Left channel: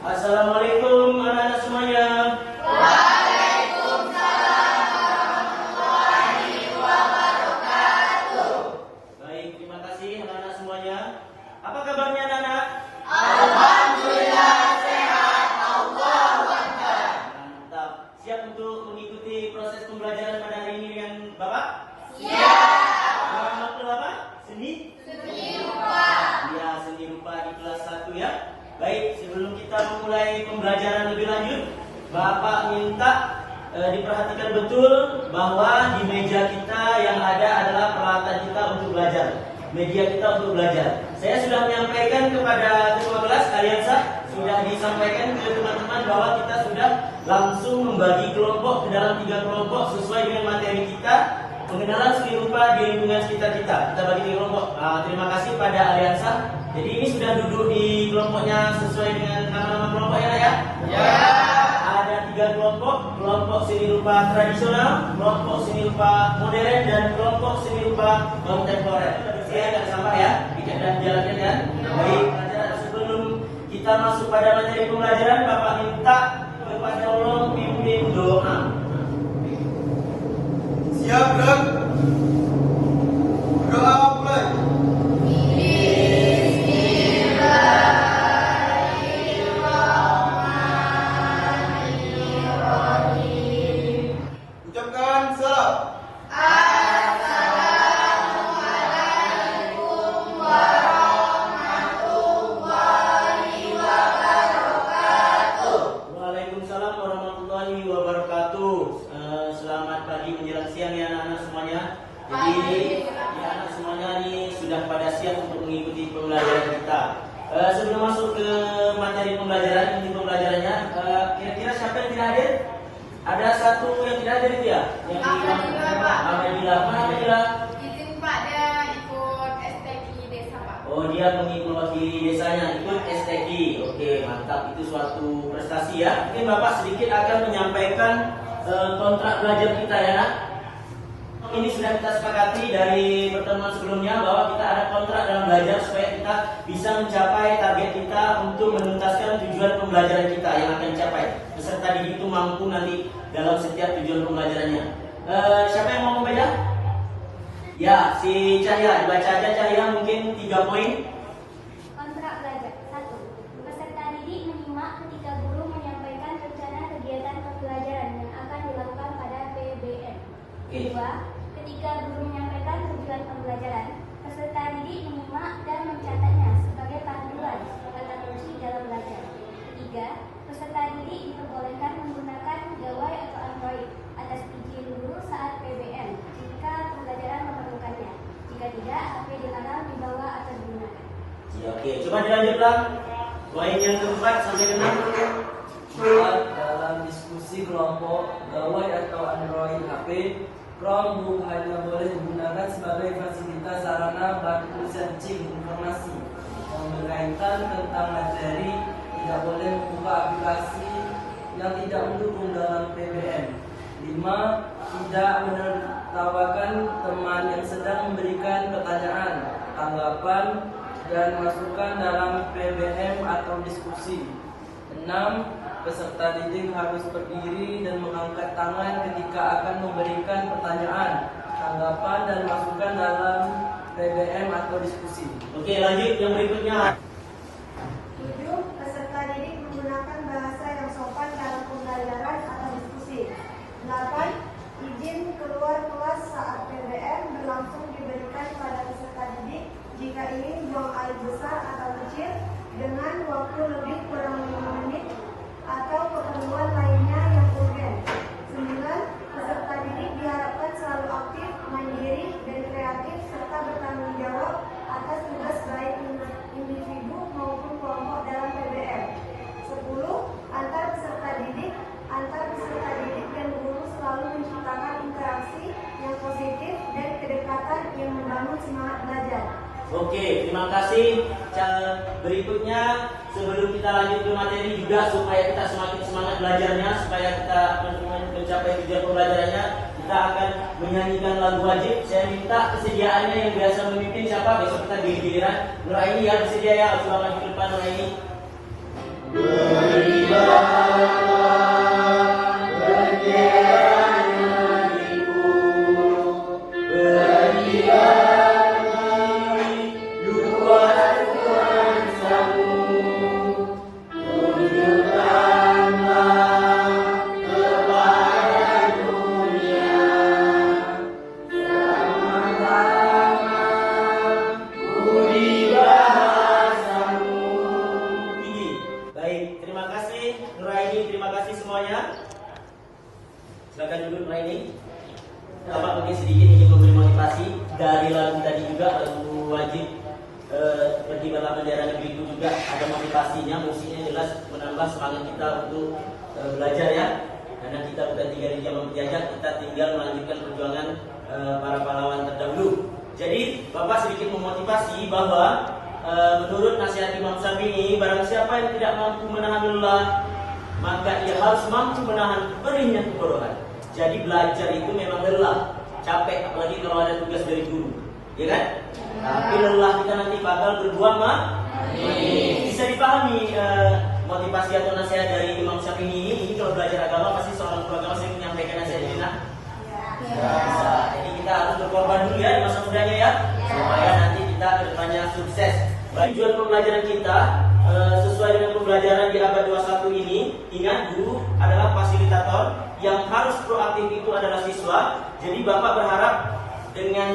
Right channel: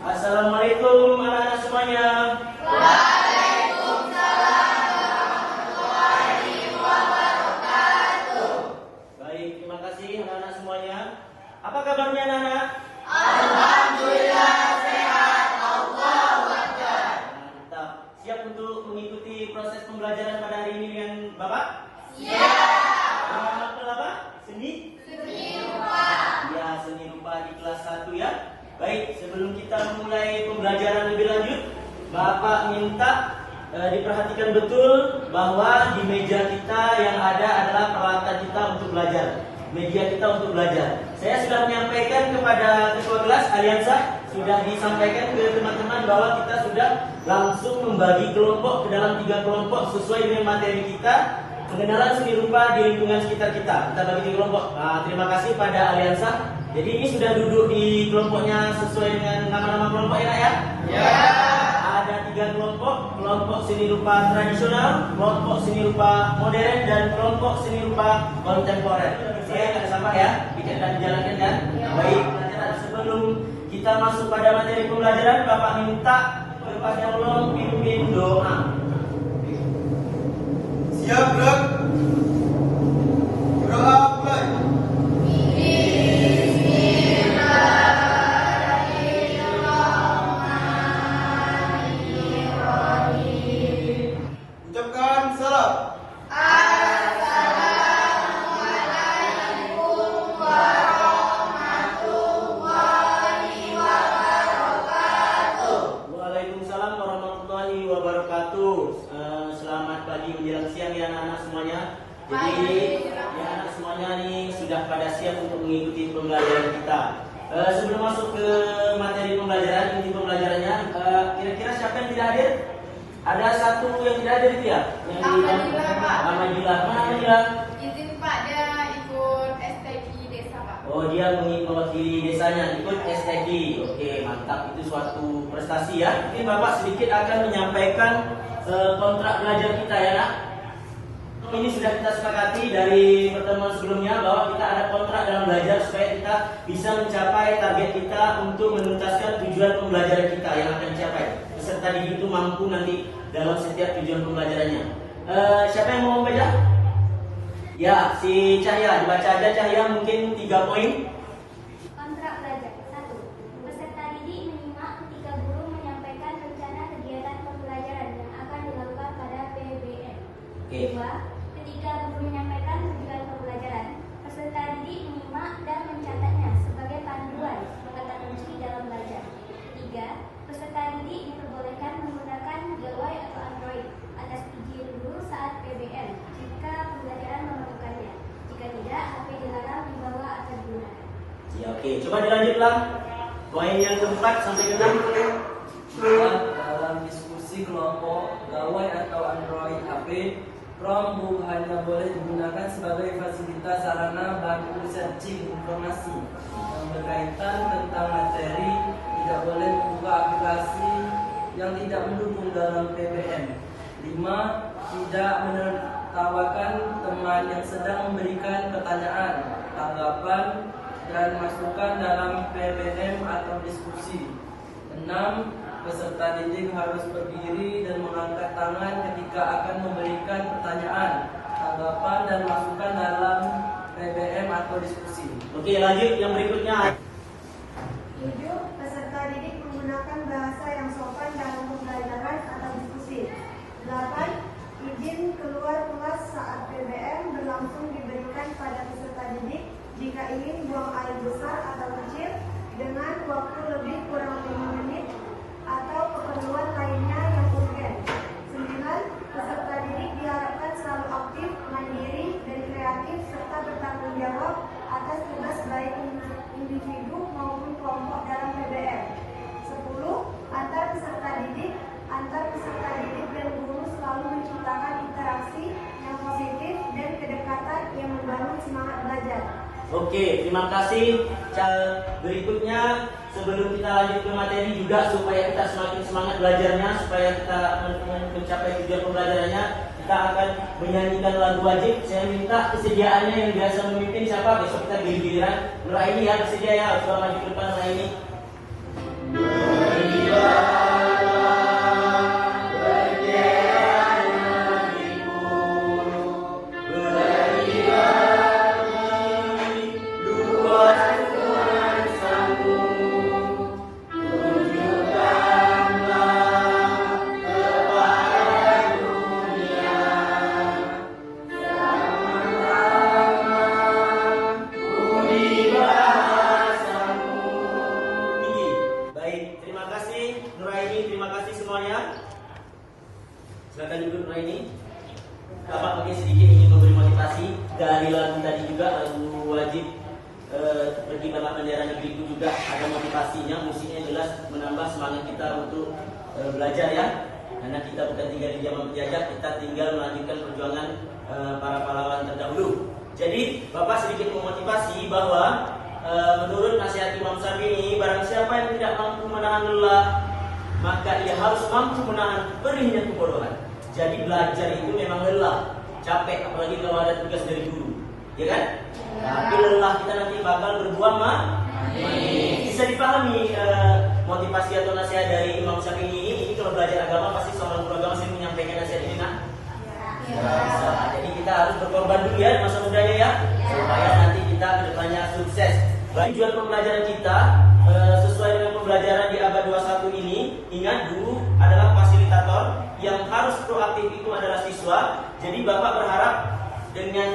Assalamualaikum anak-anak semuanya. Waalaikumsalam warahmatullahi wabarakatuh. Baik, terima kasih anak-anak semuanya. Apa kabarnya anak-anak? Alhamdulillah sehat, Allahu Akbar. Mantap. Siap untuk mengikuti proses pembelajaran pada hari ini dengan Bapak? Siap. Dengan matkul apa? Seni Rupa. Ya, seni rupa di kelas 1 ya. Baik, sebelum kita memulai pembelajaran lebih lanjut, Bapak minta diperhatikan betul bahwa di meja kita yang ada adalah peralatan kita untuk belajar. Media kita untuk belajar. Saya sudah menyampaikan kepada ketua kelas Aliansa, sudah disampaikan ke teman-teman bahwa kita sudah langsung membagi kelompok ke dalam 3 kelompok sesuai dengan materi kita. Pengenalan seni rupa di lingkungan sekitar kita. Kita bagi 3 kelompok. Terima kasih pada Aliansa. Jadi ini sudah duduk di kelompoknya sesuai dengan nama-nama kelompoknya ya? Ya. Ada 3 kelompok. Kelompok seni rupa tradisional, kelompok seni rupa modern, dan kelompok seni rupa kontemporer. Saya akan sampah ya, pikirkan jalan ya. Baik, pelajaran sebelum kita masuk pada materi pembelajaran, Bapak minta kepada Allah pimpin doa. Siap, gerak. Berdoa mulai. Ucapkan salam. Assalamualaikum warahmatullahi wabarakatuh. Waalaikumsalam warahmatullahi wabarakatuh. Selamat pagi menjelang siang ya anak-anak semuanya. Jadi ya anak semuanya ini sudah pada siap untuk mengikuti pembelajaran kita. Sebelum masuk ke materi pembelajaran, inti pembelajarannya, kira-kira siapa yang tidak hadir? Ada satu yang tidak hadir itu ya? Yang di Alhamdulillah. Izin Pak, dia ikut STG desa Pak. Oh, dia mengikuti desanya, ikut STD. Oke, mantap. Itu suatu prestasi ya. Mungkin Bapak sedikit akan menyampaikan kontrak belajar kita ya nak. Ini sudah kita sepakati dari pertemuan sebelumnya bahwa kita ada kontrak dalam belajar supaya kita bisa mencapai target kita untuk menuntaskan tujuan pembelajaran kita yang akan dicapai. Peserta didik itu mampu nanti dalam setiap tujuan pembelajarannya. Siapa yang mau membaca? Ya, si Cahya, dibaca aja Cahya mungkin 3 poin. Kontrak belajar 1. Peserta didik menyimak ketika guru menyampaikan rencana kegiatan pembelajaran yang akan dilakukan pada PBM. Oke. 2. Ketika guru menyampaikan tujuan pembelajaran, peserta didik menyimak dan mencatatnya sebagai panduan kata kunci dalam belajar. 3. Peserta didik diperbolehkan menggunakan gawai atau Android atas izin guru saat PBM jika pembelajaran memerlukannya. Jika tidak, HP dilarang dibawa atau digunakan. Ya, oke, coba dilanjutlah. Poin yang keempat sampai ke 6. Dalam diskusi kelompok, gawai atau Android HP, Chromebook hanya boleh digunakan sebagai fasilitas sarana bantu searching informasi yang berkaitan tentang materi, tidak boleh membuka aplikasi yang tidak mendukung dalam PBM. 5. Tidak menertawakan teman yang sedang memberikan pertanyaan, tanggapan, dan masukan dalam PBM atau diskusi. 6. Peserta didik harus berdiri dan mengangkat tangan ketika akan memberikan pertanyaan, tanggapan, dan masukan dalam PBM atau diskusi. Oke, lanjut yang berikutnya. 7. Peserta didik menggunakan bahasa yang sopan dalam pembelajaran atau diskusi. 8. Izin keluar kelas saat PBM berlangsung diberikan pada peserta didik jika ingin buang air besar atau kecil dengan waktu lebih kurang 5 menit atau keperluan lainnya yang urgen. 9. Peserta didik diharapkan selalu aktif, mandiri, dan kreatif serta bertanggung jawab atas tugas baik individu maupun kelompok dalam PBM. 10. Antar peserta didik dan guru selalu menciptakan interaksi yang positif dan kedekatan yang membangun semangat belajar. Oke, terima kasih. Berikutnya, sebelum kita lanjut ke materi juga supaya kita semakin semangat belajarnya, supaya kita mencapai tujuan pembelajarannya, kita akan menyanyikan lagu wajib. Saya minta kesediaannya yang biasa memimpin siapa? Besok kita giliran Nuraini ya, bersedia ya, coba maju ke depan Nuraini. Silakan duduk Raini. Bapak mungkin sedikit ingin memberi motivasi dari lagu tadi juga, lagu wajib pergi bangga bendera negeri itu juga ada motivasinya, musiknya jelas menambah semangat kita untuk belajar ya. Karena kita bukan tinggal di zaman penjajah, kita tinggal melanjutkan perjuangan para pahlawan terdahulu. Jadi Bapak sedikit memotivasi bahwa menurut nasihat Imam Syafi'i, barang siapa yang tidak mampu menahan lelah, maka ia harus mampu menahan perihnya kebodohan. Jadi belajar itu memang lelah, capek, apalagi kalau ada tugas dari guru, ya kan? Tapi lelah kita nanti bakal berbuah bisa dipahami motivasi atau nasihat dari Imam Syafi'i ini kalau belajar agama pasti seorang guru agama sering menyampaikan nasihat ini, nah? Bisa. Jadi kita harus berkorban dulu ya masa mudanya ya, supaya nanti kita kedepannya sukses. Tujuan pembelajaran kita sesuai dengan pembelajaran di abad 21 ini, ingat guru adalah fasilitator, yang harus proaktif itu adalah siswa. Jadi Bapak berharap dengan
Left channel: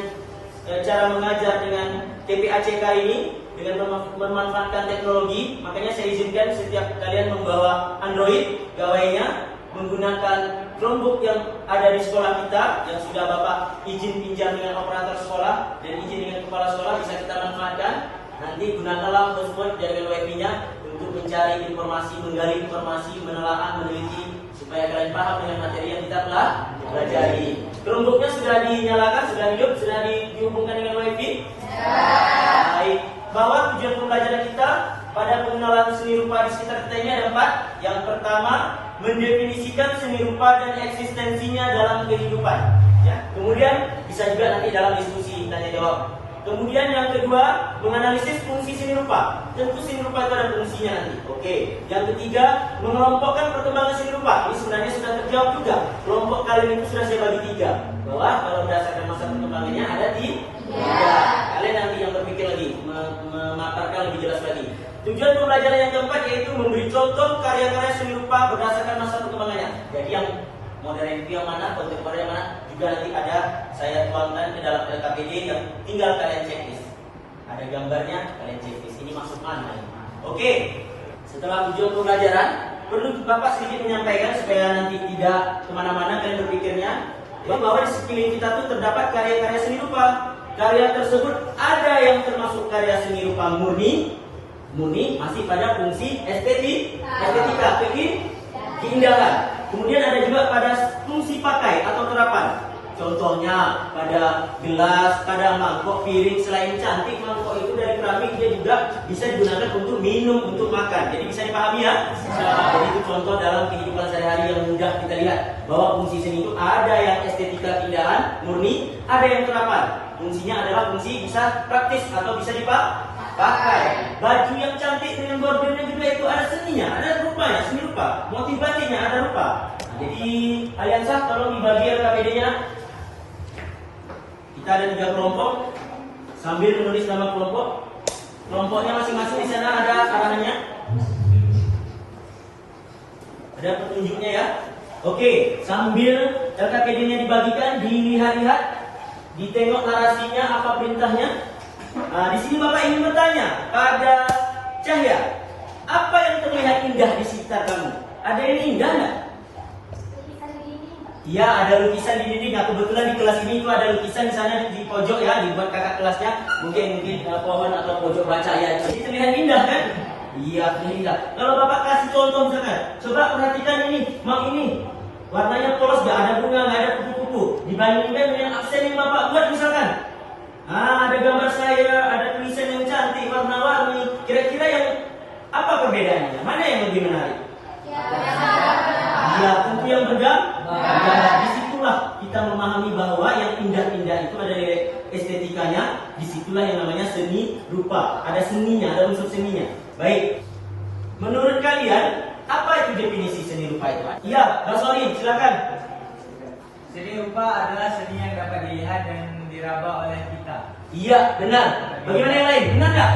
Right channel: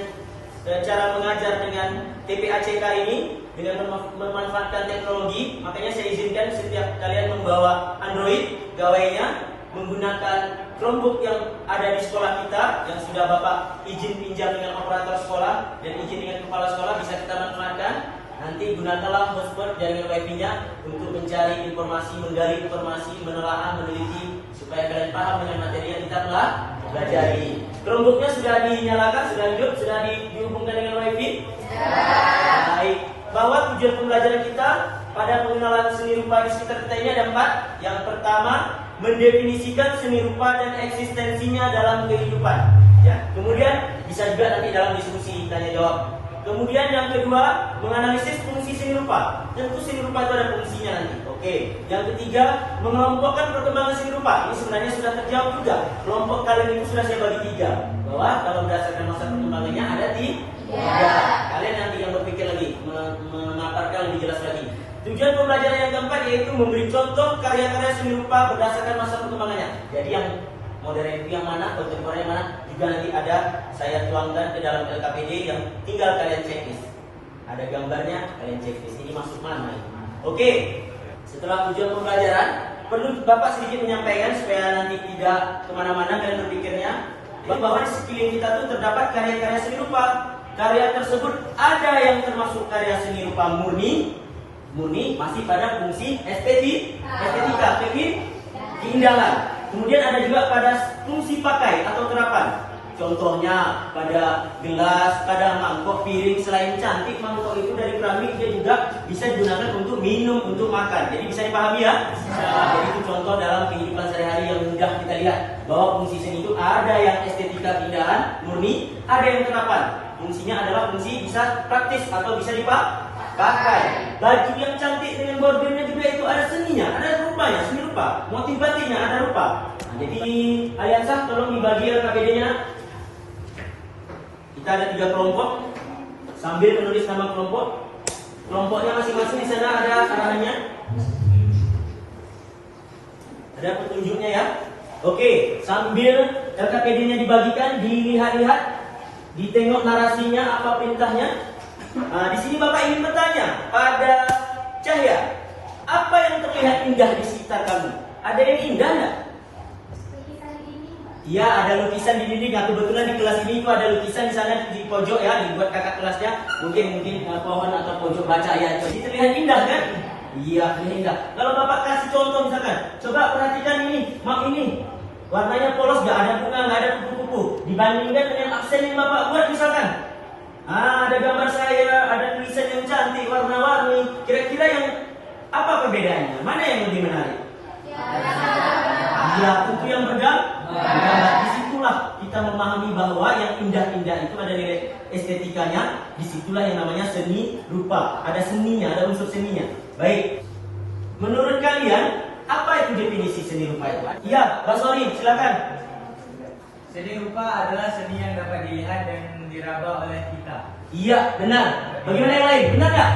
cara mengajar dengan TPACK ini, dengan memanfaatkan teknologi, makanya saya izinkan setiap kalian membawa Android gawainya, menggunakan Chromebook yang ada di sekolah kita, yang sudah Bapak izin pinjam dengan operator sekolah dan izin dengan kepala sekolah, bisa kita manfaatkan. Nanti gunakanlah hotspot jaringan wifi-nya untuk mencari informasi, menggali informasi, menelaah, meneliti, supaya kalian paham dengan materi yang kita telah pelajari. Chromebook-nya sudah dinyalakan, sudah hidup, sudah dihubungkan dengan wifi? Baik. Bahwa tujuan pembelajaran kita pada pengenalan seni rupa di sekitar kita ini ada 4. Yang pertama, mendefinisikan seni rupa dan eksistensinya dalam kehidupan. Ya. Kemudian bisa juga nanti dalam diskusi tanya jawab. Kemudian yang kedua, menganalisis fungsi seni rupa. Tentu seni rupa itu ada fungsinya nanti. Oke. Yang ketiga, mengelompokkan perkembangan seni rupa. Ini sebenarnya sudah terjawab juga. Kelompok kalian itu sudah saya bagi 3. Bahwa kalau berdasarkan masa perkembangannya ada di 3. Kalian nanti yang berpikir lagi, memaparkan lebih jelas lagi. Tujuan pembelajaran yang keempat yaitu memberi contoh karya-karya seni rupa berdasarkan masa perkembangannya. Jadi yang modern itu yang mana, kontemporer yang mana, juga nanti ada saya tuangkan ke dalam LKPD yang tinggal kalian checklist. Ada gambarnya, kalian checklist. Ini maksud mana? Oke. Setelah tujuan pembelajaran, perlu Bapak sedikit menyampaikan supaya nanti tidak kemana-mana kalian berpikirnya, bahwa di sekeliling kita tuh terdapat karya-karya seni rupa. Karya tersebut ada yang termasuk karya seni rupa murni masih pada fungsi estetika, keindahan. Kemudian ada juga pada fungsi pakai atau terapan. Contohnya pada gelas, pada mangkok, piring. Selain cantik, mangkok itu dari keramik, dia juga bisa digunakan untuk minum, untuk makan. Jadi bisa dipahami ya? Jadi itu contoh dalam kehidupan sehari-hari yang mudah kita lihat. Bahwa fungsi seni itu ada yang estetika, keindahan, murni, ada yang terapan. Fungsinya adalah fungsi bisa praktis atau bisa dipakai. Baju yang cantik dengan bordirnya juga itu ada seninya, ada rupanya, seni rupa. Motif batiknya ada rupa. Nah, jadi Aliansah tolong dibagi LKPD-nya. Kita ada 3 kelompok. Sambil menulis nama kelompok. Kelompoknya masing-masing di sana ada arahannya. Ada petunjuknya ya. Oke, sambil LKPD-nya dibagikan, dilihat-lihat, ditengok narasinya apa perintahnya. Nah, di sini Bapak ingin bertanya pada Cahya, apa yang terlihat indah di sekitar kamu? Ada yang indah nggak? Iya, ada lukisan di dinding. Nah, kebetulan di kelas ini itu ada lukisan di sana di pojok ya, dibuat kakak kelasnya. Mungkin pohon atau pojok baca ya. Jadi terlihat indah kan? Iya, terlihat indah. Kalau Bapak kasih contoh misalkan, coba perhatikan ini, map ini. Warnanya polos, nggak ada bunga, nggak ada kupu-kupu. Dibandingkan dengan aksen yang Bapak buat misalkan. Ada gambar saya, ada tulisan yang cantik, warna-warni. Kira-kira yang apa perbedaannya? Mana yang lebih menarik? Ya, tentu yang bergambar. Disitulah kita memahami bahwa yang indah-indah itu ada nilai estetikanya. Disitulah yang namanya seni rupa. Ada seninya, ada unsur seninya. Baik. Menurut kalian, apa itu definisi seni rupa itu? Iya, Mas Wali, silakan. Seni rupa adalah seni yang dapat dilihat dan diraba oleh kita. Iya, benar. Bagaimana yang lain? Benar nggak?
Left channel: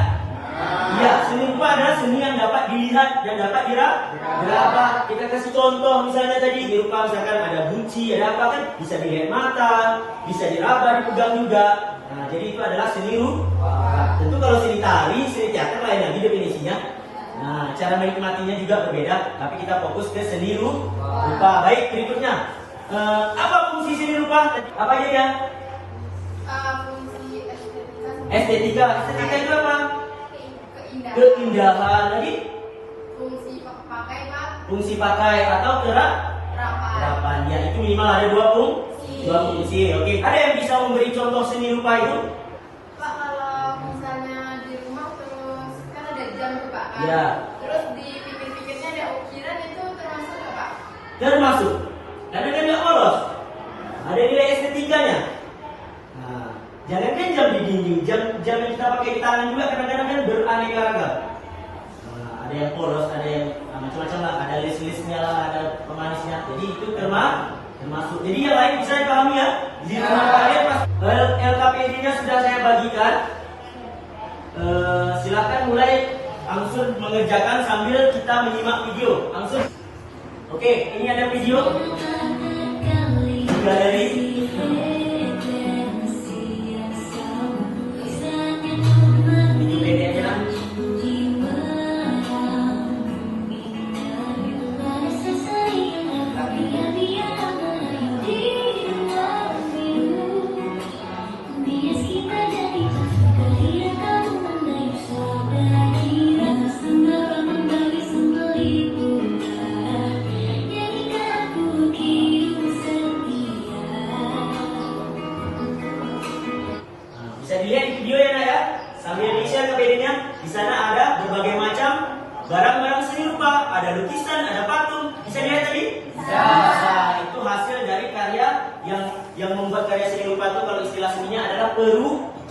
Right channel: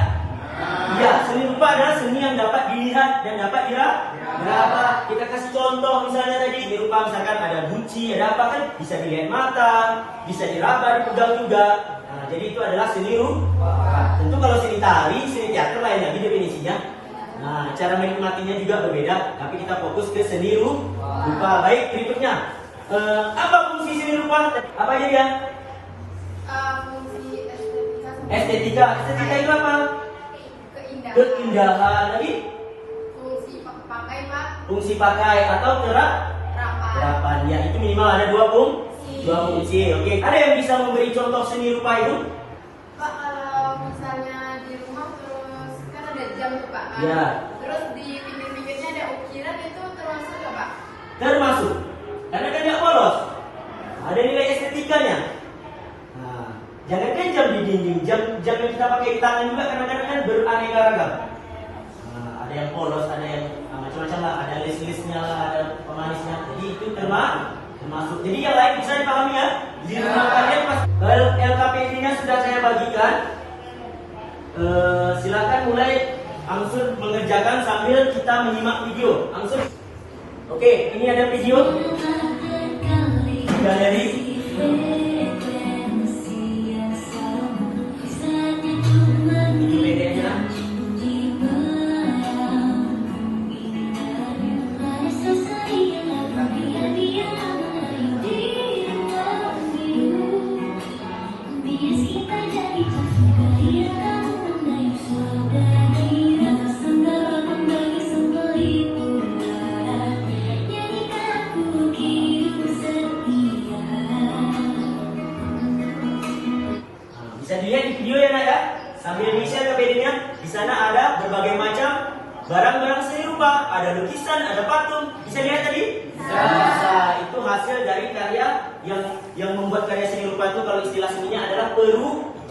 Iya, seni rupa adalah seni yang dapat dilihat dan dapat diraba. Kita kasih contoh misalnya tadi di rupa misalkan ada bunci, ada apa kan bisa dilihat mata, bisa diraba, dipegang juga. Nah, jadi itu adalah seni rupa. Tentu kalau seni tari, seni teater lain lagi definisinya. Nah, cara menikmatinya juga berbeda, tapi kita fokus ke seni rupa. Baik, berikutnya. Apa fungsi seni rupa? Apa aja ya? Fungsi Estetika. Estetika itu apa? keindahan. Keindahan. Lagi? Fungsi pakai Pak. Fungsi pakai atau Rapat. kerapan. Ya, itu minimal ada dua fungsi. Oke. Ada yang bisa memberi contoh seni rupa itu? Pak, kalau misalnya di rumah terus kan ada jam tuh Pak kan? Ya. Terus di pinggir-pinggirnya ada ukiran, itu termasuk nggak Pak? Termasuk. Karena kan nggak polos. Ada nilai estetikanya. Nah, jangan kan jam di dinding, jam yang kita pakai di tangan juga kadang-kadang kan beraneka ragam. Nah, ada yang polos, ada yang macam-macam lah, ada list-listnya lah, ada pemanisnya. Jadi itu termasuk. Jadi yang lain bisa dipahami ya. Di rumah kalian pas LKPD-nya sudah saya bagikan. Silakan mulai langsung mengerjakan sambil kita menyimak video. Langsung. Oke, ini ada video. Juga dari ini bedanya. Bisa dilihat di video ya nak ya. Sambil di-share ke PD-nya. Di sana ada berbagai macam barang-barang seni rupa. Ada lukisan, ada patung. Bisa dilihat tadi? Bisa. Itu hasil dari karya yang membuat karya seni rupa itu, kalau istilah seninya adalah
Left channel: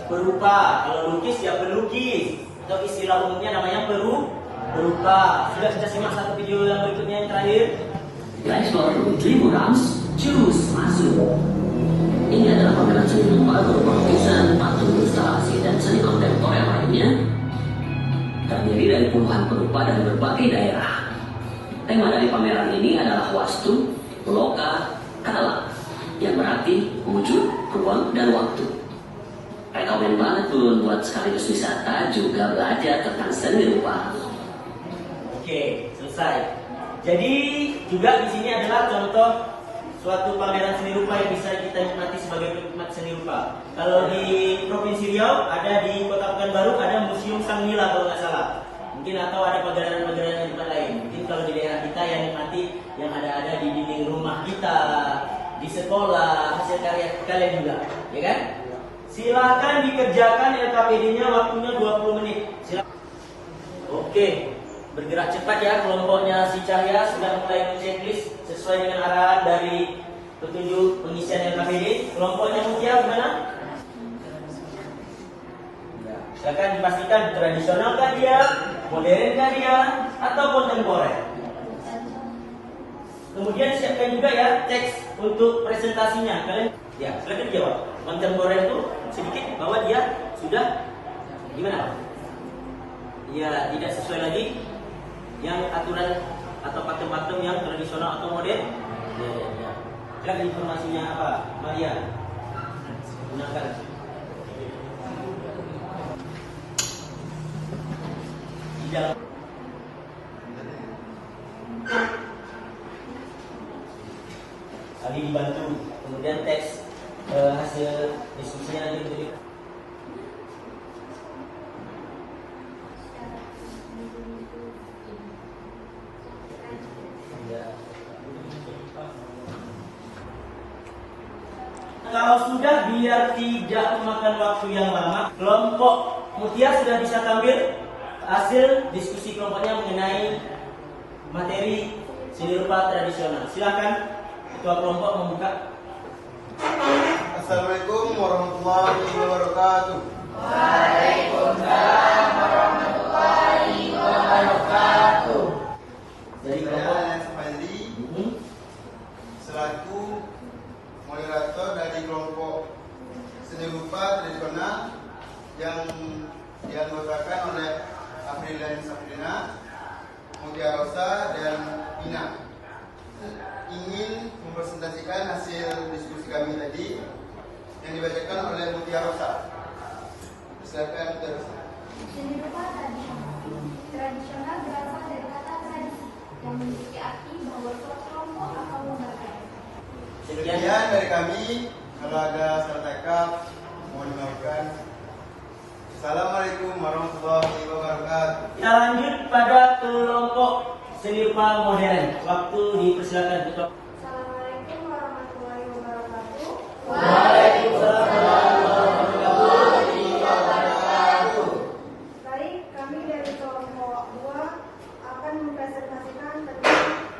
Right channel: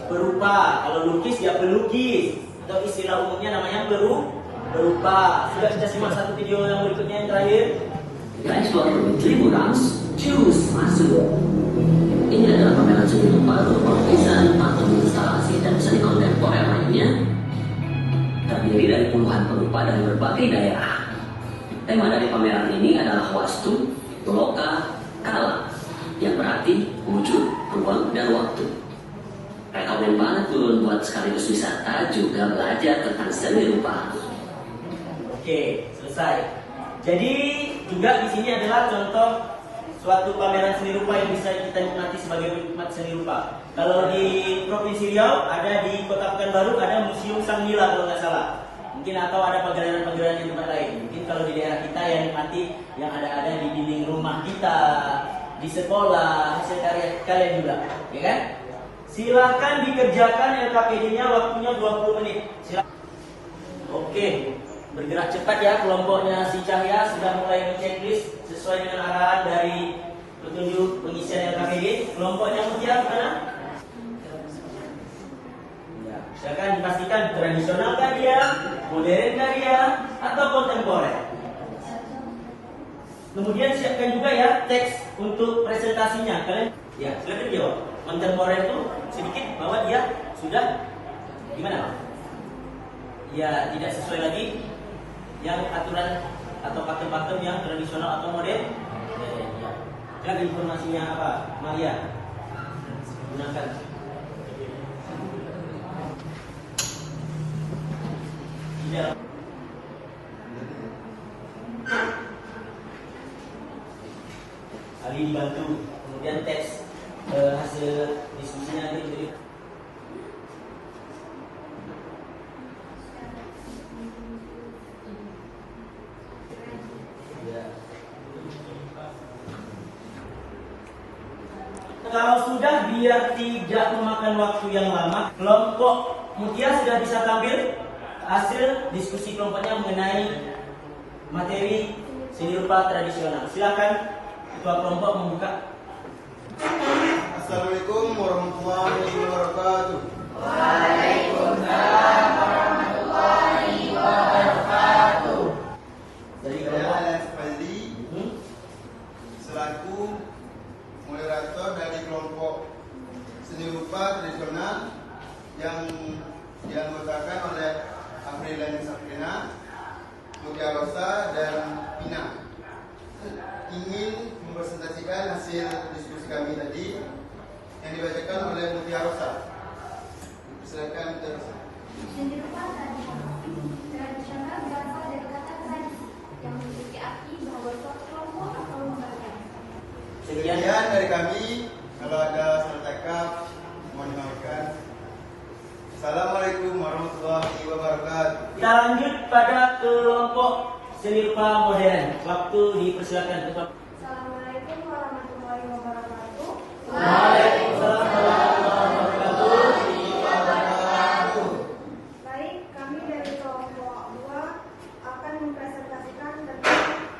perupa. Kalau lukis ya pelukis. Atau istilah umumnya namanya perupa. Sudah kita simak satu video yang berikutnya yang terakhir. Ekspor Tribunals Jurus Masuk. Ini adalah pameran seni rupa atau lukisan, patung, instalasi, dan seni kontemporer lainnya. Terdiri dari puluhan perupa dari berbagai daerah. Tema dari pameran ini adalah wastu, loka, kala, yang berarti wujud, ruang, dan waktu. Rekomen banget tuh buat sekaligus wisata juga belajar tentang seni rupa. Oke, selesai. Jadi juga di sini adalah contoh suatu pameran seni rupa yang bisa kita nikmati sebagai penikmat seni rupa. Kalau di Provinsi Riau ada di Kota Pekanbaru ada Museum Sang Nila kalau nggak salah. Mungkin atau ada pagelaran-pagelaran di tempat lain. Mungkin kalau di daerah kita yang nikmati yang ada di dinding rumah kita, di sekolah, hasil karya kalian juga, ya kan? Silahkan dikerjakan LKPD-nya, waktunya 20 menit. Silahkan. Oke. Bergerak cepat ya, kelompoknya si Cahya sudah mulai men-checklist sesuai dengan arahan dari petunjuk pengisian LKPD. Kelompoknya Mutia gimana? Silakan dipastikan tradisional kah dia, modern kah dia, atau kontemporer. Kemudian siapkan juga ya teks untuk presentasinya. Kalian ya silakan dijawab. Kontemporer itu sedikit bahwa dia sudah gimana? Ya tidak sesuai lagi yang aturan atau pakem-pakem yang tradisional atau modern. Kan informasinya apa? Maria gunakan. Tidak. Kali bantu kemudian teks hasil diskusinya nanti beri. Kalau sudah biar tidak memakan waktu yang lama, kelompok Mutia sudah bisa tampil hasil diskusi kelompoknya mengenai materi seni rupa tradisional. Silakan ketua kelompok membuka. Assalamualaikum warahmatullahi wabarakatuh. Waalaikumsalam warahmatullahi wabarakatuh. Alpena, Mutiara Rosa, dan Pina. Ingin mempresentasikan hasil diskusi kami tadi yang dibacakan oleh Mutiara Rosa. Silakan Mutiara Rosa. Seni rupa tradisional. Tradisional berasal dari kata tradisi yang memiliki arti membentuk kelompok atau lembaga. Sekian dari kami. Kalau ada salah cakap, mohon dimaafkan. Assalamualaikum warahmatullahi wabarakatuh. Kita lanjut pada kelompok seni rupa modern. Waktu dipersilakan tetap. Assalamualaikum warahmatullahi wabarakatuh. Baik, kami dari kelompok 2 akan mempresentasikan tentang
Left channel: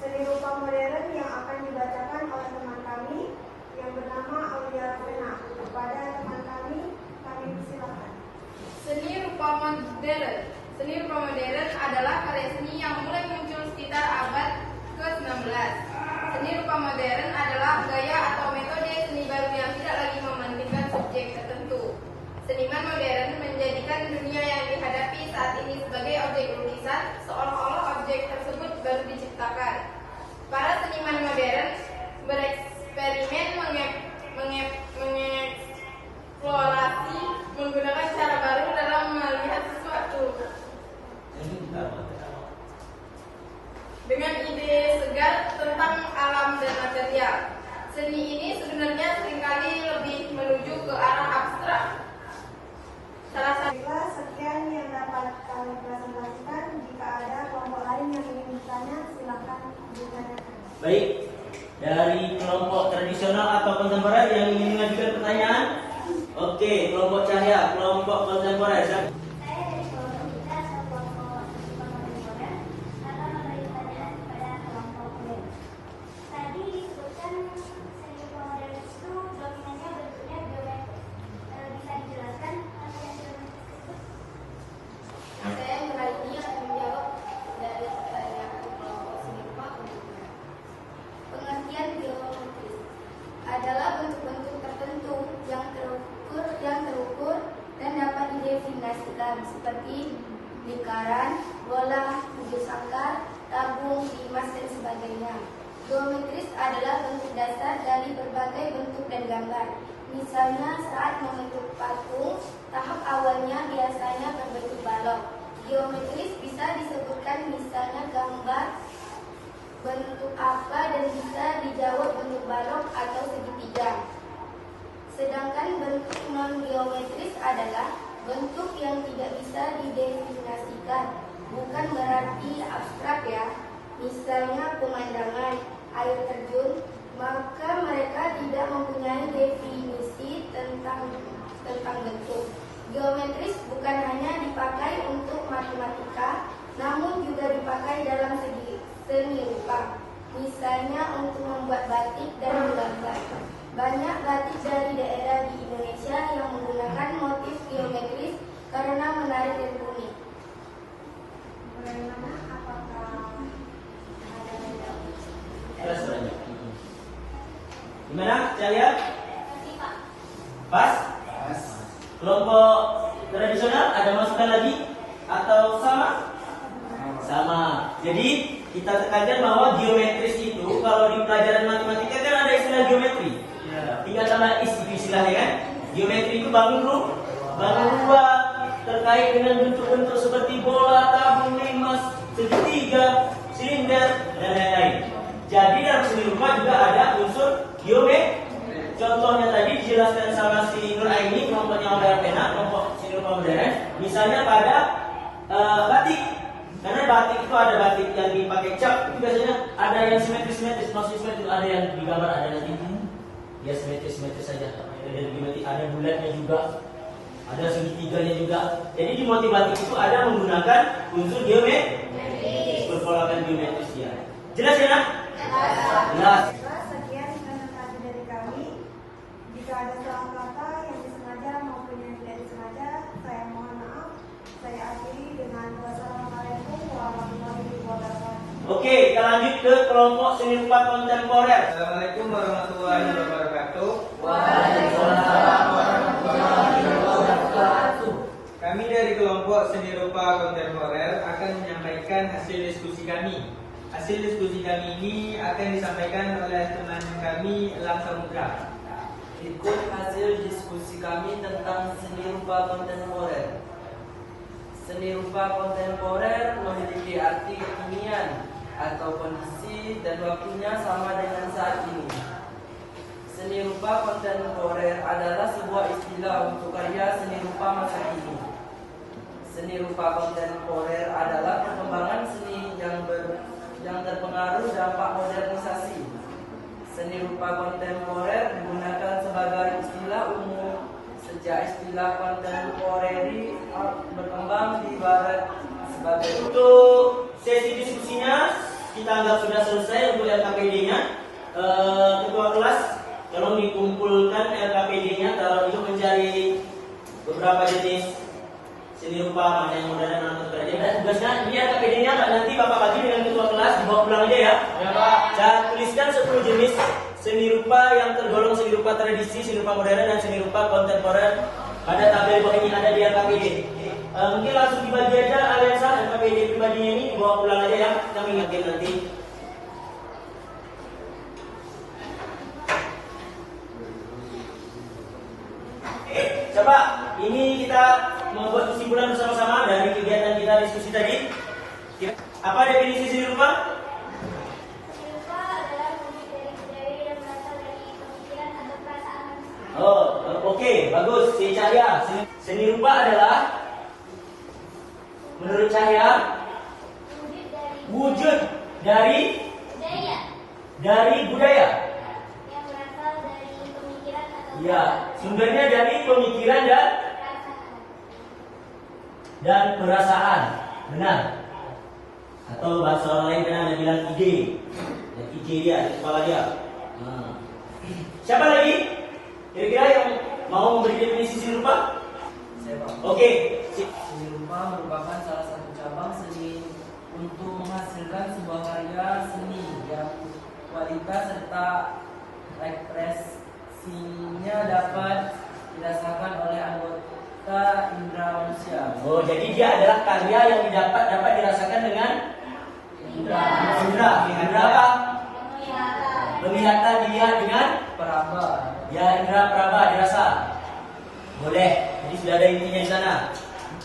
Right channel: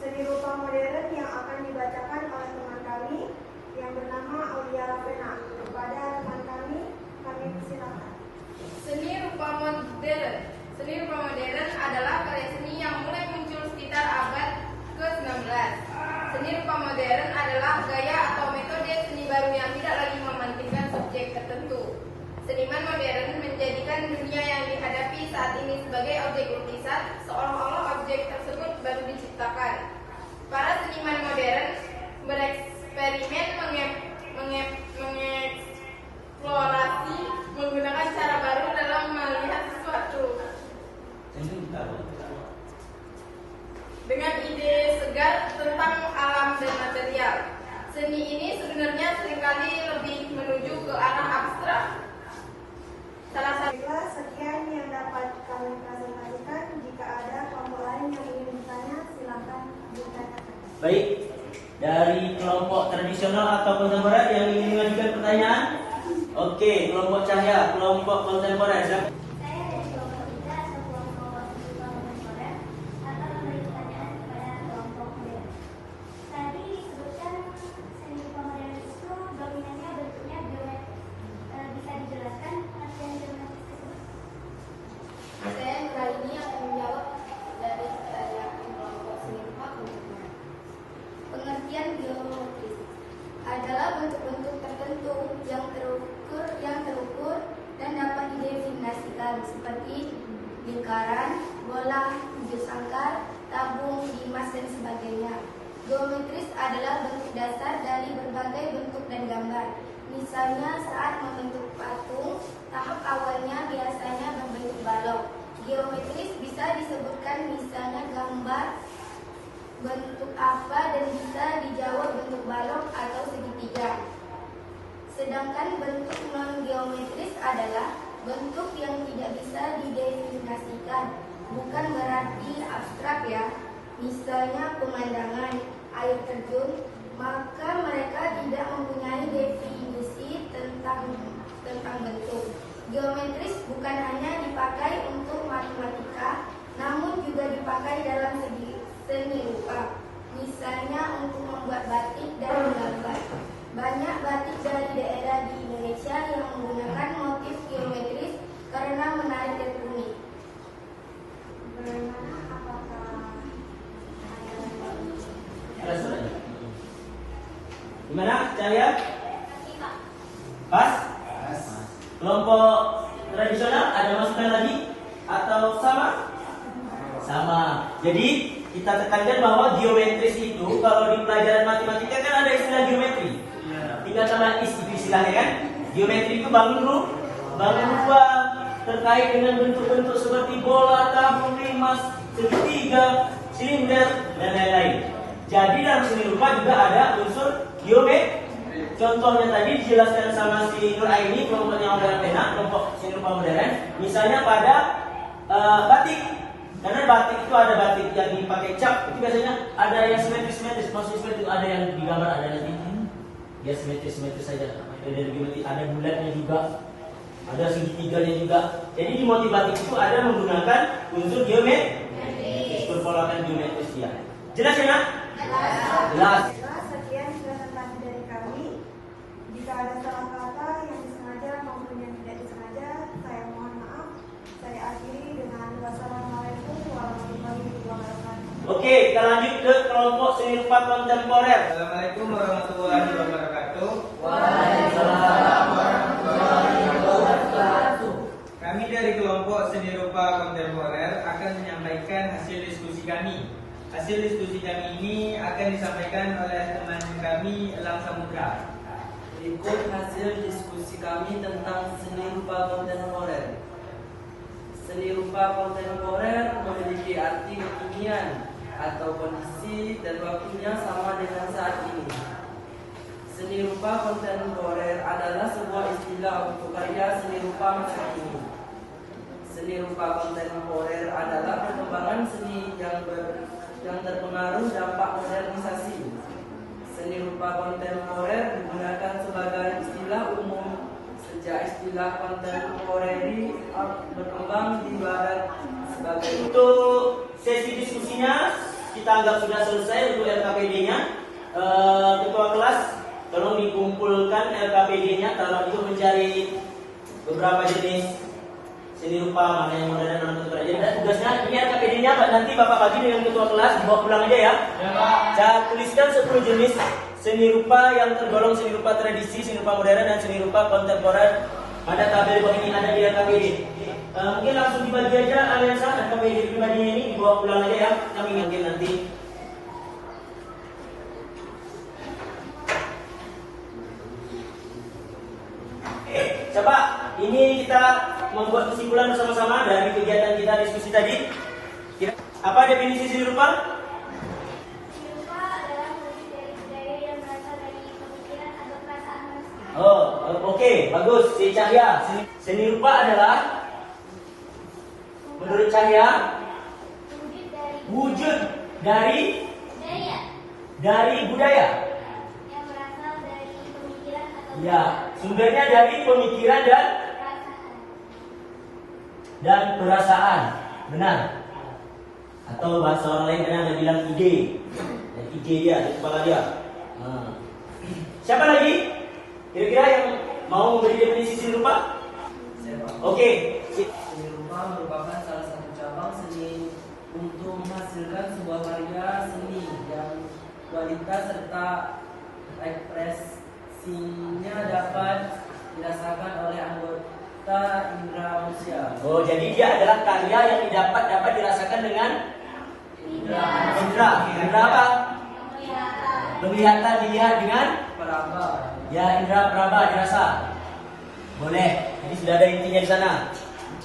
seni rupa modern yang akan dibacakan oleh teman kami yang bernama Aulia Alpena. Kepada teman kami persilakan. Seni rupa modern. Seni rupa modern adalah karya seni yang mulai muncul sekitar abad ke-19. Seni rupa modern adalah gaya atau metode seni baru yang tidak lagi mementingkan subjek tertentu. Seniman modern menjadikan dunia yang dihadapi saat ini sebagai objek lukisan, seolah-olah objek tersebut baru diciptakan. Para seniman modern bereksperimen mengeksplorasi menggunakan cara baru dalam melihat sesuatu dengan ide segar tentang alam dan material. Seni ini sebenarnya seringkali lebih menuju ke arah abstrak. Salah satu Baiklah, sekian yang dapat kami presentasikan. Jika ada kelompok lain yang ingin bertanya, silakan ditanyakan. Baik, dari kelompok tradisional atau kontemporer yang ingin mengajukan pertanyaan. Oke, kelompok cahaya, kelompok kontemporer. Saya dari kelompok kita atau kelompok seni rupa kontemporer akan memberi pertanyaan kepada kelompok modern. Tadi disebutkan seni rupa modern itu dominannya bentuknya geometris. Bisa dijelaskan artian geometris itu? saya kali ini akan menjawab dari pertanyaan kelompok seni rupa kontemporer. Pengertian geometris adalah bentuk-bentuk tertentu yang terukur dan dapat didefinisikan seperti lingkaran, bola, hijau sangkar, tabung, limas, dan sebagainya. Geometris adalah bentuk dasar dari berbagai bentuk dan gambar. Misalnya saat membentuk patung, tahap awalnya biasanya berbentuk balok. Geometris bisa disebutkan misalnya gambar bentuk apa dan bisa dijawab bentuk balok atau segitiga. Sedangkan bentuk non-geometris adalah bentuk yang tidak bisa didefinisikan. Bukan berarti abstrak ya. Misalnya pemandangan, air terjun, maka mereka tidak mempunyai definisi tentang bentuk. Geometris bukan hanya dipakai untuk matematika, namun juga dipakai dalam seni rupa. Misalnya untuk membuat batik dan menggambar. Banyak batik dari daerah di Indonesia yang menggunakan motif geometris karena menarik dan unik. Bagaimana? Apakah ada yang Gimana, Cahaya? Pas? Kelompok tradisional ada masukan lagi? Atau sama? Sama. Jadi kita tekankan bahwa geometris itu kalau di pelajaran matematika kan ada istilah geometri. Tinggal sama istilahnya kan. Geometri itu bangun ruang terkait dengan bentuk-bentuk seperti bola, tabung, limas, segitiga, silinder, dan lain-lain. Jadi dalam seni rupa juga ada unsur geometri. Contohnya tadi dijelaskan sama si Nur Aini, kelompoknya Aulia Alpena, kelompok seni rupa modern. Misalnya pada batik. Karena batik itu ada batik yang dipakai cap, itu biasanya ada yang simetris, maksudnya simetris itu ada yang digambar, ada nanti ya simetris saja. Dari geometri ada bulatnya juga, ada segitiganya juga. Jadi di motif batik itu ada menggunakan unsur geometri, perpolakan geometris ya. Jelas ya nak? Jelas. Sekian presentasi dari kami. Jika ada salah kata yang disengaja maupun yang tidak disengaja, saya mohon maaf. Saya akhiri dengan wassalamualaikum warahmatullahi wabarakatuh. Oke, kita lanjut ke kelompok seni rupa kontemporer. Assalamualaikum warahmatullahi wabarakatuh. Waalaikumsalam warahmatullahi wabarakatuh. Kami dari kelompok seni rupa kontemporer akan menyampaikan hasil diskusi kami. Hasil diskusi kami ini akan disampaikan oleh teman kami, Elang Samudra. Ikut hasil diskusi kami tentang seni rupa kontemporer. Seni rupa kontemporer memiliki arti kekinian atau kondisi dan waktunya sama dengan saat ini. Seni rupa kontemporer adalah sebuah istilah untuk karya seni rupa masa kini. Seni rupa kontemporer adalah perkembangan seni yang terpengaruh dampak modernisasi. Seni rupa kontemporer digunakan sebagai istilah umum sejak istilah kontemporeri berkembang di barat sebagai. Untuk sesi diskusinya kita anggap sudah selesai untuk LKPD-nya. Ketua kelas tolong dikumpulkan LKPD-nya, kalau itu mencari beberapa jenis seni rupa mana yang mudah dan mana yang berat. Jadi tugasnya dia LKPD-nya nanti Bapak bagi dengan ketua kelas, bawa pulang aja ya. Saya tuliskan 10 jenis seni rupa yang tergolong seni rupa tradisi, seni rupa modern, dan seni rupa kontemporer. Ada tabel bawah ini, ada di LKPD. Mungkin langsung dibagi aja Alensa LKPD pribadinya ini, dibawa pulang aja ya. Kami ingin nanti. Coba ini kita membuat kesimpulan bersama-sama dari kegiatan kita diskusi tadi. Apa definisi seni rupa? Oh, oke, bagus. Si Cahya, seni rupa adalah menurut Cahya wujud dari budaya. Ya, sumbernya dari pemikiran dan perasaan, benar. Atau bahasa orang lain yang ada bilang ide dia, kepala dia. Siapa lagi? Kira-kira yang mau memberi definisi seni rupa? Oke. Seni rupa merupakan salah satu cabang seni untuk menghasilkan sebuah karya seni yang kualitas serta ekspresinya dapat dirasakan oleh anggota indera manusia. Oh, jadi dia adalah karya yang dapat dirasakan dengan indera apa? Penglihatan dilihat dengan Peraba. ya, indera peraba dirasa. Boleh. Jadi sudah ada intinya di sana.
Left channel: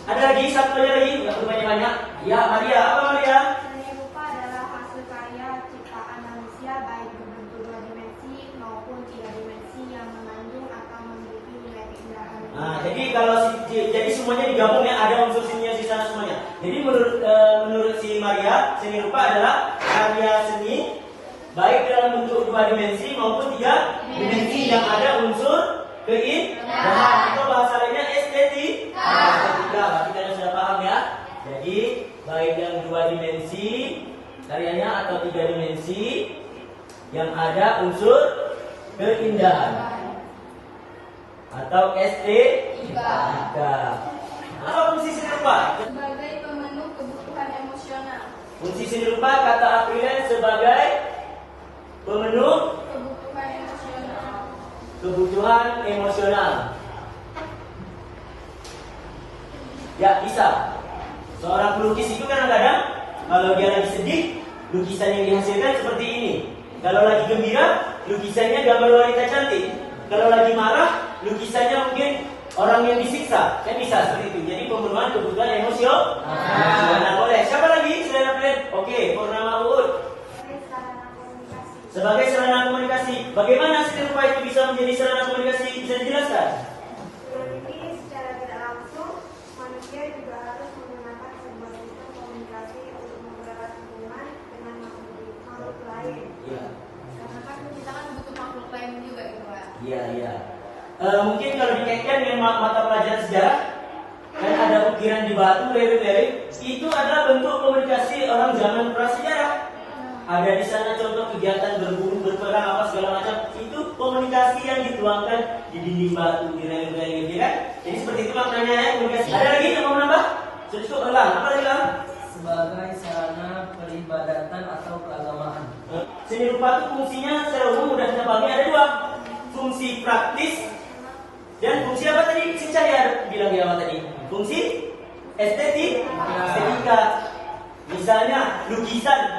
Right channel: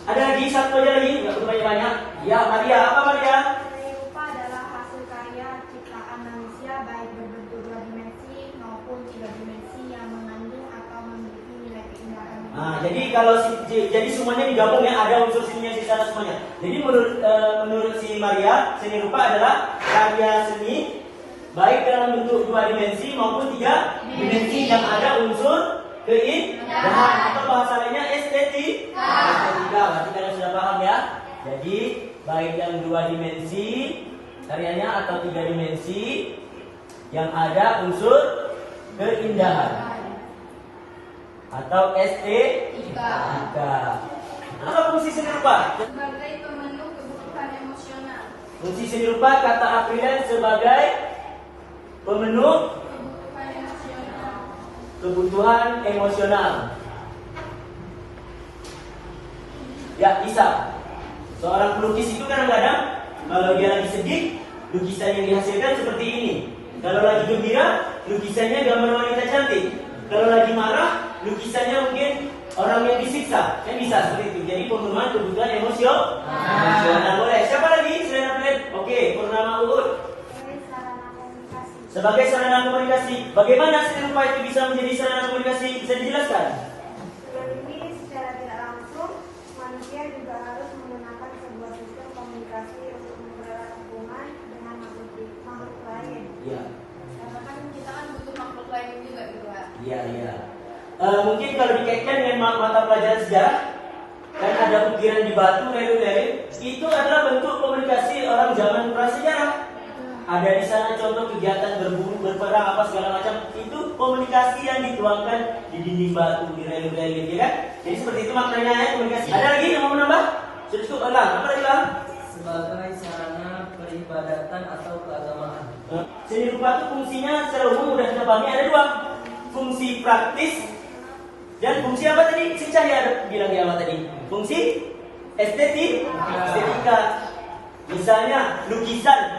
Ada lagi satu aja lagi, nggak perlu banyak-banyak. Ya, Maria, apa Maria? Seni rupa adalah hasil karya ciptaan manusia baik berbentuk 2 dimensi maupun 3 dimensi yang mengandung atau memiliki nilai keindahan. Nah, jadi semuanya digabung ya, ada unsur seninya di sana semuanya. Jadi menurut si Maria, seni rupa adalah karya seni baik dalam bentuk 2 dimensi maupun 3 dimensi yang ada unsur keindahan atau bahasa lainnya estetika. Berarti kalian sudah paham ya. Jadi baik yang 2 dimensi karyanya atau 3 dimensi yang ada unsur keindahan atau estetika. Apa fungsi seni rupa? Sebagai pemenuh kebutuhan emosional. Fungsi seni rupa kata Aprilen sebagai pemenuh kebutuhan emosional. Ya, bisa. Seorang pelukis itu kadang-kadang kalau dia lagi sedih, lukisan yang dihasilkan seperti ini. Kalau lagi gembira, lukisannya gambar wanita cantik. Kalau lagi marah, lukisannya mungkin orang yang disiksa. Kan bisa seperti itu. Jadi pemenuhan kebutuhan emosional. Boleh. Siapa lagi selain Aprilen? Oke, Purnama Uud. Sebagai sarana komunikasi, bagaimana seni rupa itu bisa menjadi sarana komunikasi? Bisa dijelaskan? Ini secara tidak langsung manusia juga harus menggunakan sebuah sistem komunikasi untuk mempererat hubungan dengan makhluk lain. Iya. Karena kan kita kan butuh makhluk lain juga di luar. Iya. Mungkin kalau dikaitkan dengan mata pelajaran sejarah, kan ada ukiran di batu, leri-leri, itu adalah bentuk komunikasi orang zaman prasejarah. Ada di sana contoh kegiatan berburu, berperang, apa segala macam. Itu komunikasi yang dituangkan di dinding batu, di rel-rel gitu kan. Jadi seperti itu maknanya ya, komunikasi. Ada lagi yang mau menambah? Sudah cukup, Elang. Apa lagi, Elang? Sebagai sarana peribadatan atau keagamaan. Seni rupa itu fungsinya secara umum udah kita pahami ada 2. Fungsi praktis dan fungsi apa tadi? Si Cahya bilang ya apa tadi? Fungsi estetika. Misalnya lukisan,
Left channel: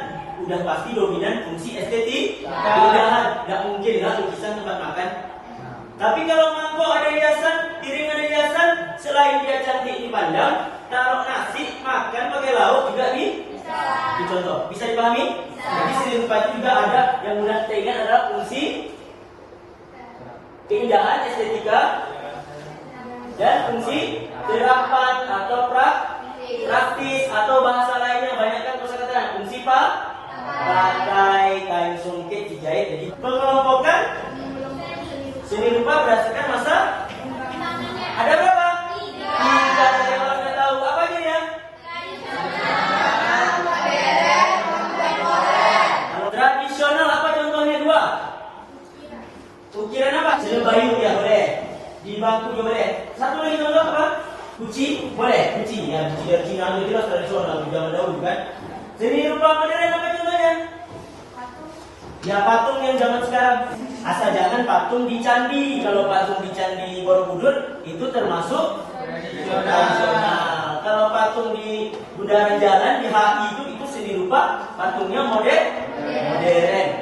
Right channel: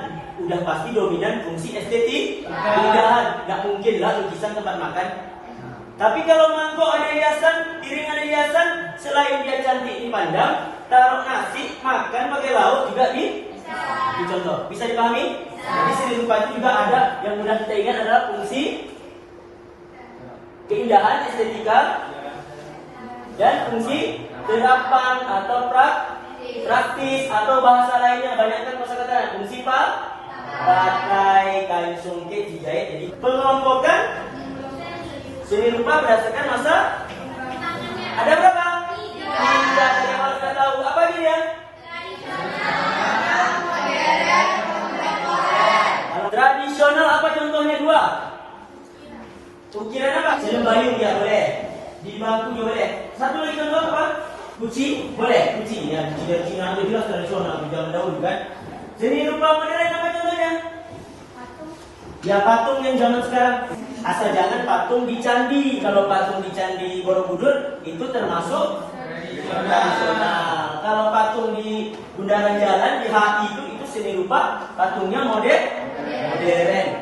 udah pasti dominan fungsi estetik. Keindahan, nggak mungkin lah lukisan tempat makan. Tapi kalau mangkok ada hiasan, piring ada hiasan, selain dia cantik dipandang, taruh nasi, makan pakai lauk juga dicontoh. Bisa dipahami? Jadi seni rupa itu juga ada yang mudah kita ingat adalah fungsi keindahan, estetika, dan fungsi terapan atau praktis atau bahasa lainnya banyak kan kosakata. Fungsi pakai, kain songket, dijahit. Jadi pengelompokan seni rupa berdasarkan masa. Ada berapa? Tidak ada yang harus kita tahu. Apa ini ya? Kalau tradisional apa contohnya? 2. Ukiran apa? Seni bayu ya boleh. Di bangku juga boleh. Satu lagi contoh apa? Kuci boleh. Kuci ya, kuci dari Cina itu jelas tradisional di zaman dahulu kan. Seni rupa modern apa contohnya? Ya patung yang zaman sekarang. Asal jangan patung di candi. Kalau patung di candi Borobudur itu termasuk tradisional. Kalau patung di bundaran jalan di HI itu seni rupa, patungnya modern.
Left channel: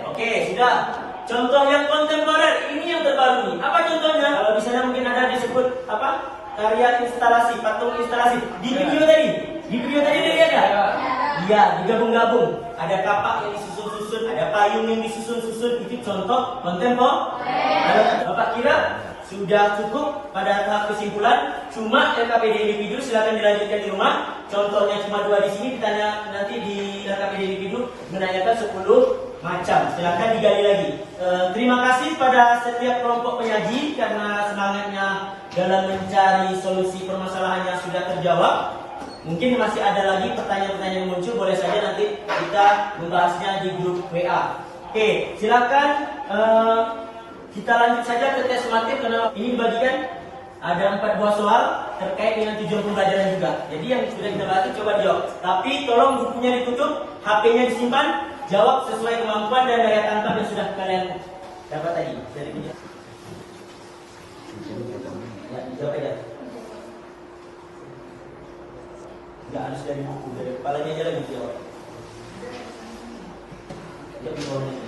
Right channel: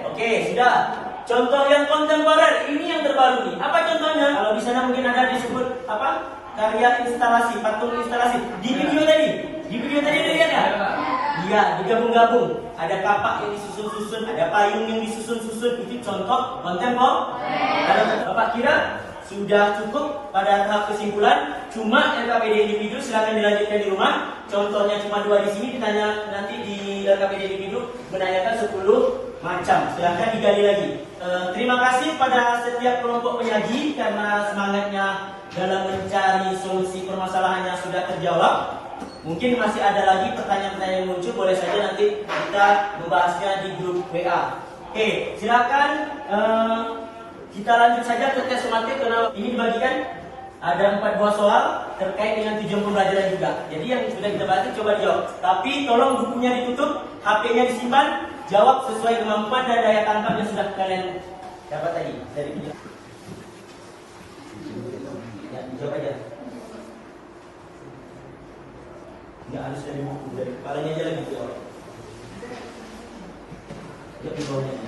Oke, sudah. Contoh yang kontemporer ini yang terbaru nih. Apa contohnya? Kalau di sana mungkin ada disebut apa? Karya instalasi, patung instalasi. Di video tadi lihat ya? Iya, digabung-gabung. Ada kapak yang disusun-susun, ada payung yang disusun-susun. Itu contoh kontemporer. Bapak kira sudah cukup pada tahap kesimpulan? Cuma LKPD individu silakan dilanjutkan di rumah. Contohnya cuma 2 di sini. Ditanya nanti di LKPD individu menanyakan 10 macam. Silakan digali lagi. Terima kasih pada setiap kelompok penyaji karena semangatnya dalam mencari solusi permasalahan yang sudah terjawab. Mungkin masih ada lagi pertanyaan-pertanyaan yang muncul, boleh saja nanti kita membahasnya di grup WA. Oke, silakan kita lanjut saja ke tes semantik karena ini dibagikan ada 4 buah soal terkait dengan tujuan pembelajaran juga. Jadi yang sudah kita bahas coba dijawab. Tapi tolong bukunya ditutup, HP-nya disimpan, jawab sesuai kemampuan dan daya tangkap yang sudah kalian dapat tadi dari dia. Ya, coba ya. Nggak harus dari buku, dari kepalanya aja lebih jawab. Ya, di bawahnya.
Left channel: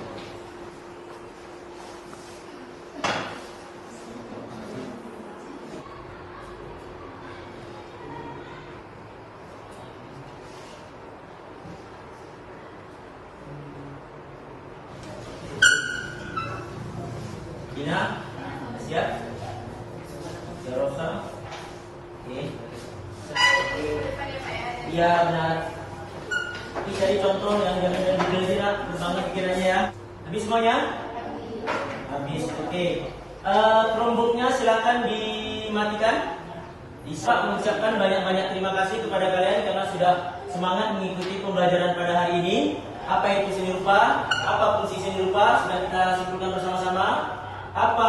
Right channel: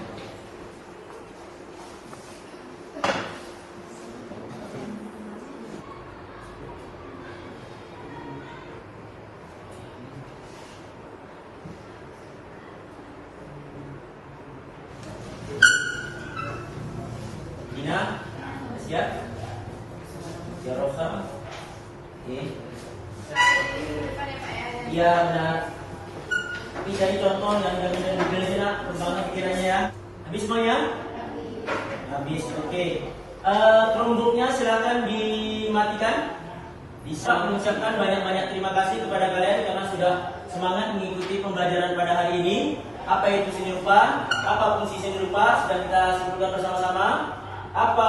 Gina, siap? Ya, Rosa. Oke. Iya benar. Tapi cari contoh yang detail sih nak, bersama pikirannya ya. Habis semuanya? Habis. Oke. Chromebooknya silakan dimatikan. Bisa mengucapkan banyak-banyak terima kasih kepada kalian karena sudah semangat mengikuti pembelajaran pada hari ini. Apa itu seni rupa? Apa fungsi seni rupa? Sudah kita simpulkan bersama-sama. Apa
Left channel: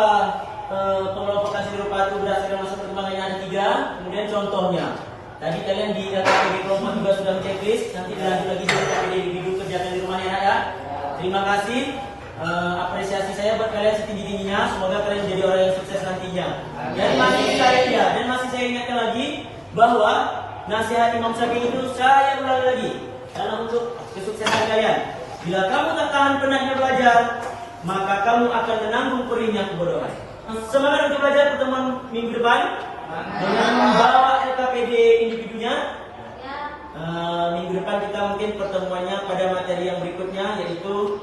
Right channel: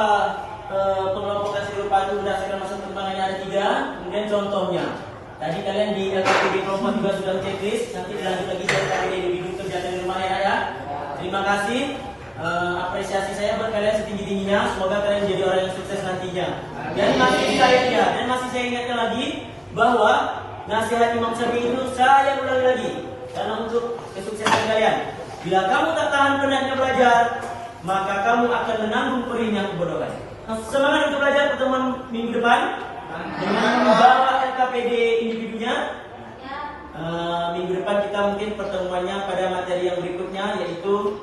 pengelompokan seni rupa itu berdasarkan masa perkembangannya ada 3. Kemudian contohnya. Tadi kalian di LKPD kelompok juga sudah checklist. Nanti dilanjut lagi di LKPD individu kerjakan di rumahnya ya. Terima kasih. Apresiasi saya buat kalian setinggi-tingginya. Semoga kalian menjadi orang yang sukses nantinya. Dan masih saya ingatkan lagi bahwa nasihat Imam Syafi'i itu saya ulangi lagi karena untuk kesuksesan kalian. Bila kamu tak tahan penatnya belajar, maka kamu akan menanggung perihnya kebodohan. Semangat untuk belajar pertemuan minggu depan dengan membawa LKPD individunya. Minggu depan kita mungkin pertemuannya pada materi yang berikutnya yaitu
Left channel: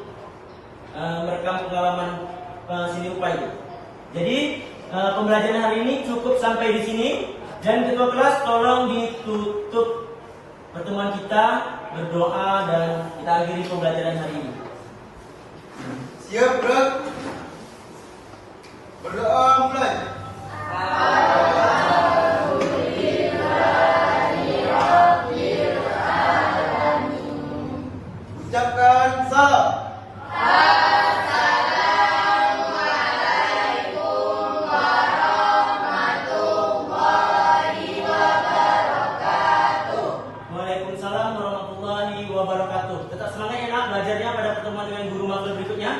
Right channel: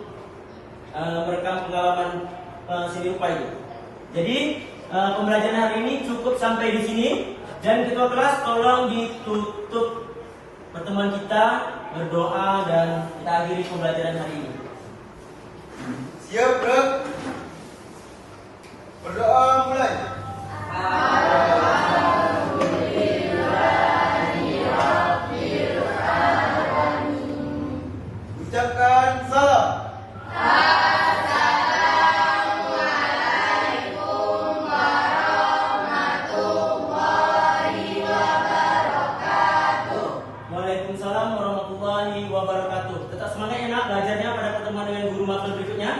merekam pengalaman seni rupa itu. Jadi pembelajaran hari ini cukup sampai di sini dan ketua kelas tolong ditutup pertemuan kita berdoa dan kita akhiri pembelajaran hari ini. Siap, bro? Berdoa mulai. Ucapkan salam. Assalamualaikum warahmatullahi wabarakatuh. Waalaikumsalam warahmatullahi wabarakatuh. Tetap semangat ya nak belajarnya pada pertemuan dengan guru maklum berikutnya.